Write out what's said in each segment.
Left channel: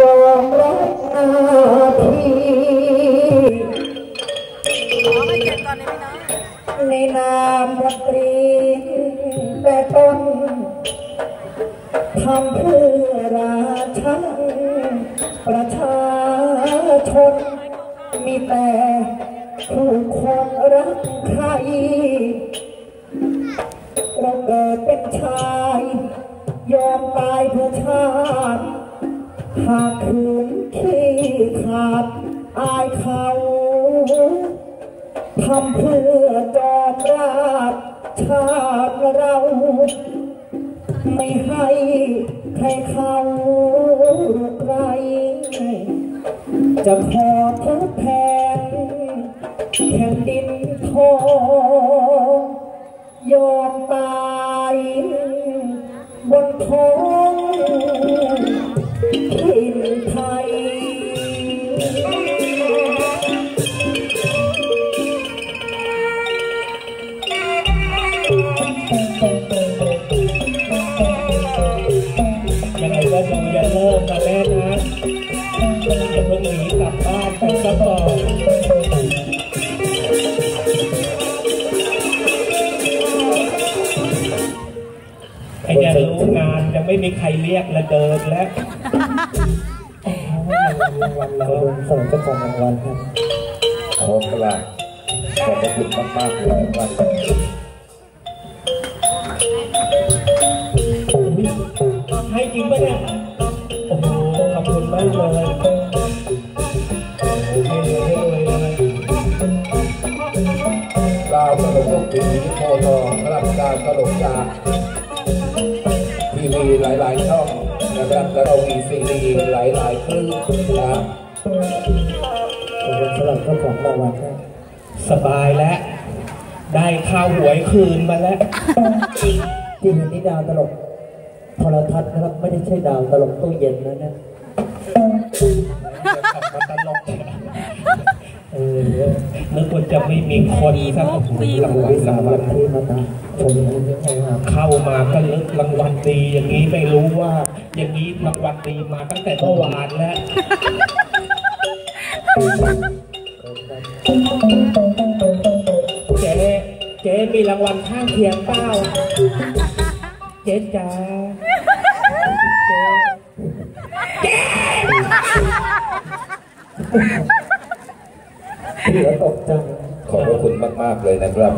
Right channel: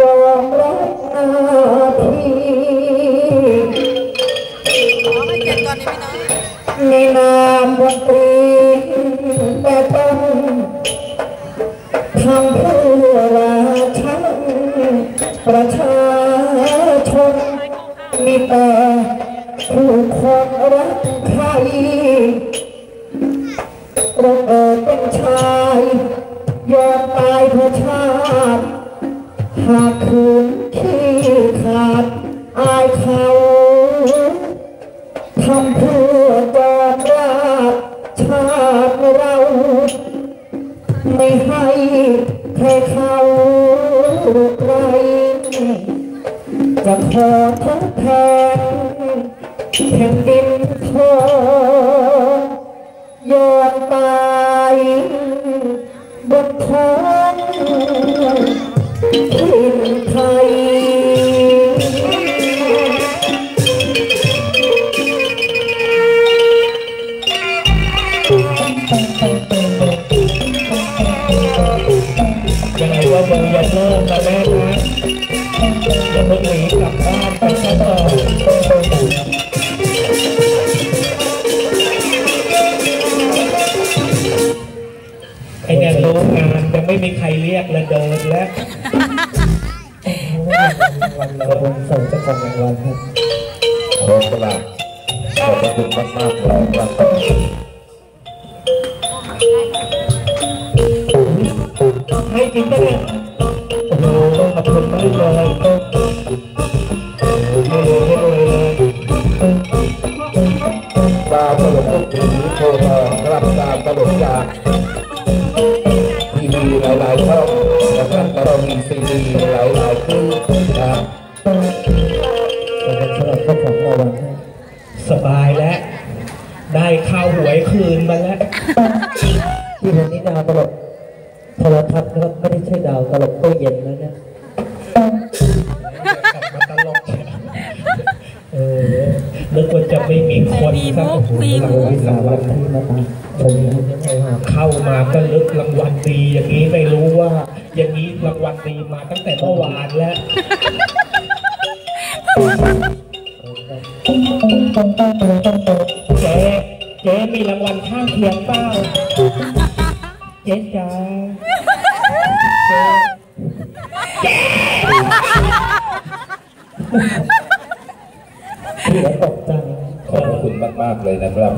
ยอมรับหน้าที่มาเจ็ดก่อนได้ไหมน้องในนามดนตรีแต่ต้องทำเพื่อราชาประชาชนมีแต่ผู้คนรักใครเราเกิด ทำเพื่อจอมราบชาติเรา ไม่ให้ใครเขาไรจะขอทดแทนแผ่นดินทอง เราเป็นส่งเจ้าของรางวัลครับขอบคุณมากขอบคุณมากมากเลยครับให้จริงปะเนี่ยาหวยคืนมาแล้วที่นันนิดาวตลกโทรทัศน์นะครับไม่ได้ใช่ดาวตลกตู้เย็นนะนะตลกเออนึกว่าจะไม่มีคนสักโอ้โหรางวัลวิสารวัวันที่มาตามชมยังไงครับเข้ามาก็ลึกรางวัลดีอย่างนี้ไม่รู้ว่า อย่างนี้รางวัลดีมาตั้งแต่เมื่อวานแล้วเจ๊เจ๊มีรางวัลข้างเคียงเปล่าเจ๊จ๋าเจ๊เสียตกใจขอบคุณมากมาก ๆ เลยนะครับ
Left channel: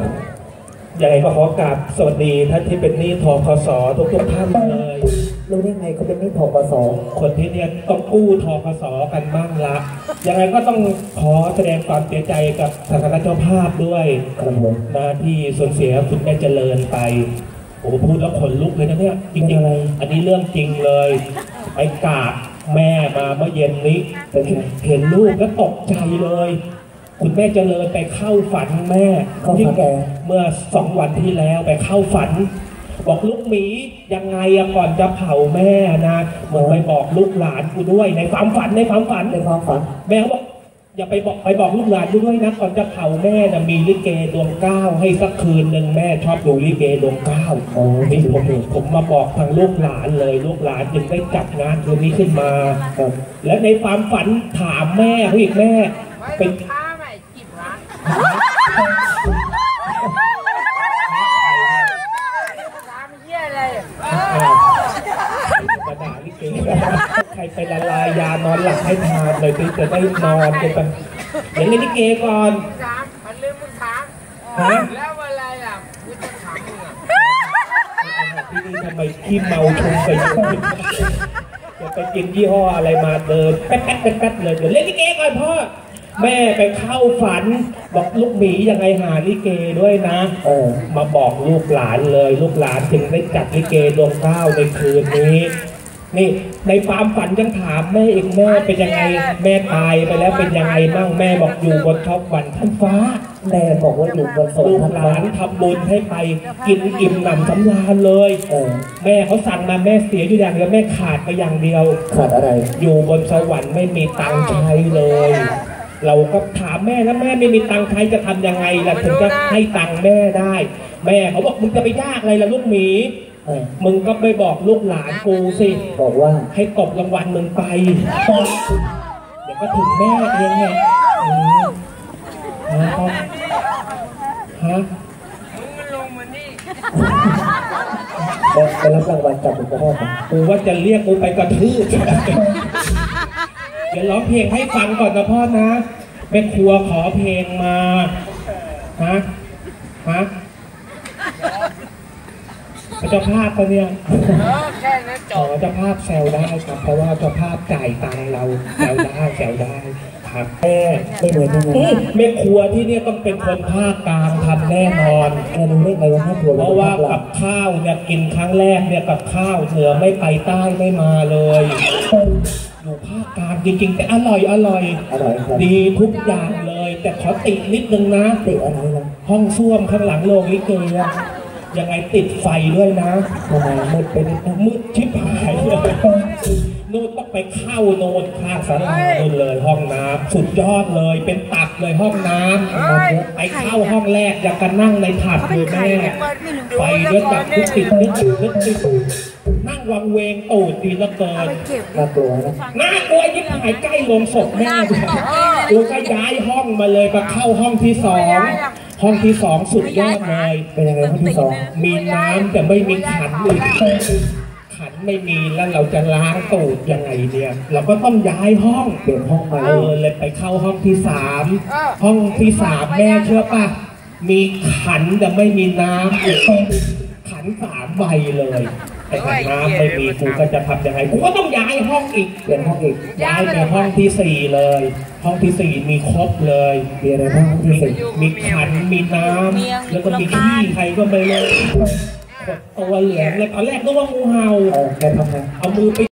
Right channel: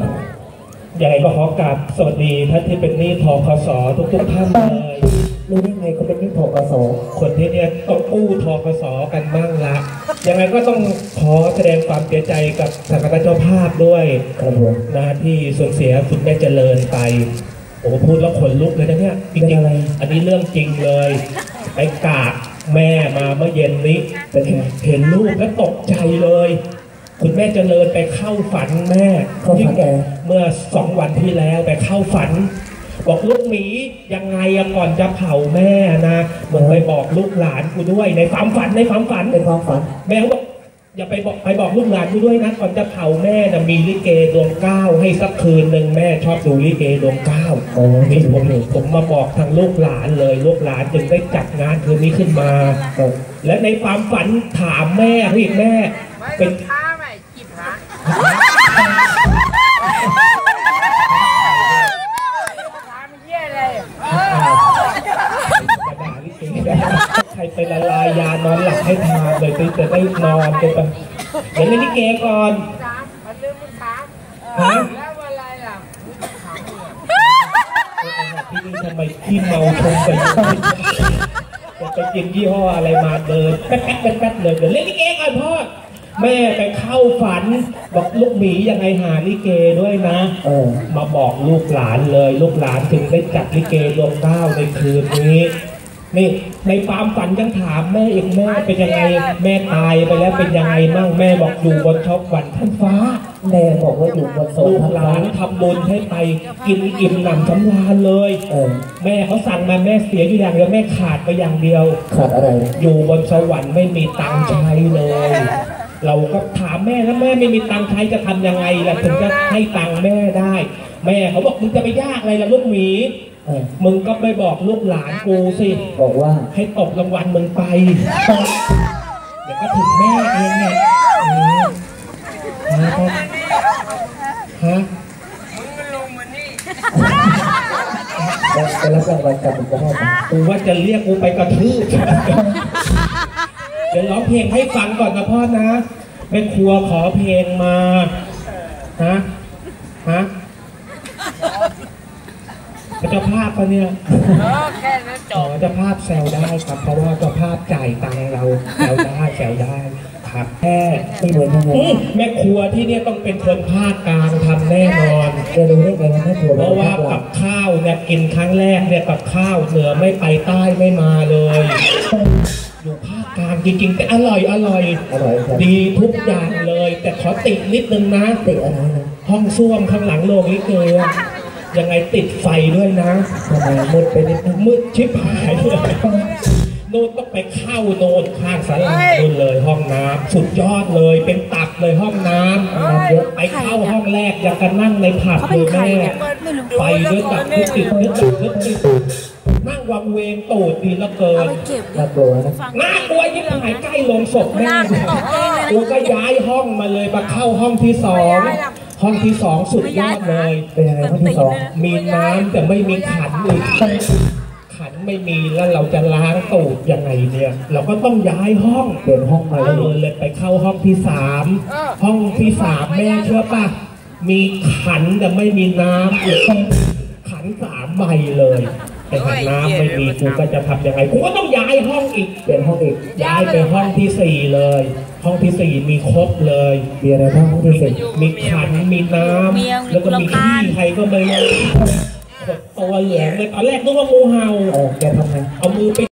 ยังไงก็ขอกราบสวัสดีท่านที่เป็นหนี้ทกสทุกทุกๆท่านเลย รู้ได้ไงเขาเป็นหนี่ทกสคนที่เนี่ยต้องกู้ทกสกันบ้างละ ยังไงก็ต้องขอแสดงความเสียใจกับทางคณะเจ้าภาพด้วยครับผมนะที่สูญเสียคุณแม่เจริญไปโอ้โหพูดแล้วขนลุกเลยนะเนี่ยจริงๆอันนี้เรื่องจริงเลยไปกราบแม่มาเมื่อเย็นนี้เป็นไงเห็นลูกแล้วตกใจเลย คุณแม่เจริญไปเข้าฝันแม่เข้าฝันแกเมื่อสองวันที่แล้วไปเข้าฝัน บอกลูกหมียังไงอะก่อนจะเผาแม่นะมึงไปบอกลูกหลานกูด้วยในความฝันในความฝันในความฝันแม่บอกอย่าไปบอกไปบอกลูกหลานกูด้วยนะก่อนจะเผาแม่นะมีลิเกดวงเก้าให้สักคืนหนึ่งแม่ชอบดูลิเกดวงเก้าโอ้นี่ผมผมมาบอกทางลูกหลานเลยลูกหลานจึงได้จัดงานคืนนี้ขึ้นมาครับและในความฝันถามแม่พี่แม่ไม่เป็น รไปละลายยานอนหลับให้ทานเลยไปจะได้นอนกันไปเดี๋ยวเล่นลิเกก่อนถามเขาลืมมึงถามฮะแล้วเวลาล่ะกูจะถามมึงพี่นี่ทำไมขี้เมาชงไปจะไปกินยี่ห้ออะไรมาเดินแป๊ดแป๊ดแป๊ดแป๊ดเลยเดี๋ยวเล่นลิเกก่อนพ่อแม่ไปเข้าฝันบอกลูกหมียังไงหาลิเกด้วยนะเออมาบอกลูกหลานเลย ลูกหลานจึงได้จัดลิเกดวงเก้าในคืนนี้ นี่ในความฝันยังถามแม่เองแม่เป็นยังไง แม่ตายไปแล้วเป็นยังไงบ้างแม่บอกอยู่บนท็อปวันท่านฟ้า แม่บอกว่าอยู่บนโซลูนกหลานทำบุญให้ไปกินอิ่มหนำสำราญเลยเออแม่เขาสั่งมาแม่เสียอยู่อย่างเดียวแม่ขาดไปอย่างเดียว ขาดอะไร อยู่บนสวรรค์ไม่มีตังค์ใช้เลย เราก็ถามแม่แล้วแม่ไม่มีตังค์ใช้จะทำยังไงล่ะถึงจะให้ตังค์แม่ได้ แม่เขาบอกมึงจะไปยากอะไรล่ะลูกหมีเออ มึงก็ไปบอกลูกหลานกูสิ บอกว่าให้ตบรางวัลมึงไป เดี๋ยวก็ถึงแม่เองเนี่ยอืมฮะฮะมึงมันลงมานี่ไปรับรางวัลจากคุณพ่อนะกูว่าจะเรียกกูไปกระทืบเดี๋ยวร้องเพลงให้ฟังก่อนนะพ่อนะแม่ครัวขอเพลงมา ฮะ ฮะพระ เจ้าภาพปะเนี่ยเออแค่นั้นจอ๋อบเจ้าภาพแซวได้ครับ เพราะว่าเจ้าภาพจ่ายตังค์เราแซวได้แซวได้ครับแม่ไม่เหมือนยังไงอืมแม่ครัวที่เนี่ยต้องเป็นคนภาคกลางทำแน่นอนแกรู้ได้ไงว่าแม่ครัวเพราะว่ากับข้าวเนี่ยกินครั้งแรกเนี่ยกับข้าวเหนือไม่ไปใต้ไม่มาเลยอยู่ภาคกลางจริงๆแต่อร่อยอร่อยอร่อยครับดีทุกอย่างเลย แต่ขอตินิดนึงนะติอะไรนะห้องส้วมข้างหลังโรงลิเกอะ ยังไงติดไฟด้วยนะทำไมมืดไปนิดนึงมืดชิบหายเลยโน่นต้องไปเข้าโน่นข้างสารานู่นเลยห้องน้ำสุดยอดเลยเป็นตับเลยห้องน้ำน้ำเยอะไปเข้าห้องแรกอยากกันนั่งในผับเขาเป็นใครเนี่ยไปด้วยกับทุกติดนึกติดนึกติดนั่งวังเวงตูดดีเหละเกิเอานไปเก็บดิน่ากลัวนะน่ากลัวยิ่งหายใกล้โรงศพแม่กูก็ย้ายห้องมาเลยมาเข้าห้องที่สอง ห้องที่สองสุดยอดเลยเป็นยังไงข้อที่สองมีน้ำแต่ไม่มีขันอีกขันไม่มีแล้วเราจะล้างตูดยังไงเนี่ยเราก็ต้องย้ายห้องเปลี่ยนห้องใหม่เออเลยไปเข้าห้องที่สามห้องที่สามแม่เชื่อป่ะมีขันแต่ไม่มีน้ำอีกขันสามใบเลย แต่ขันน้ำไม่มีกูก็จะทำยังไงกูก็ต้องย้ายห้องอีกเปลี่ยนห้องอีกย้ายไปห้องที่สี่เลย ห้องที่สี่มีครบเลยมีอะไรบ้างห้องที่สี่มีขันมีน้ำแล้วก็มีขี้ใครก็ไม่รู้ตัวเหลืองเลยตอนแรกนึกว่างูเห่าเออแกทำไงเอามือไป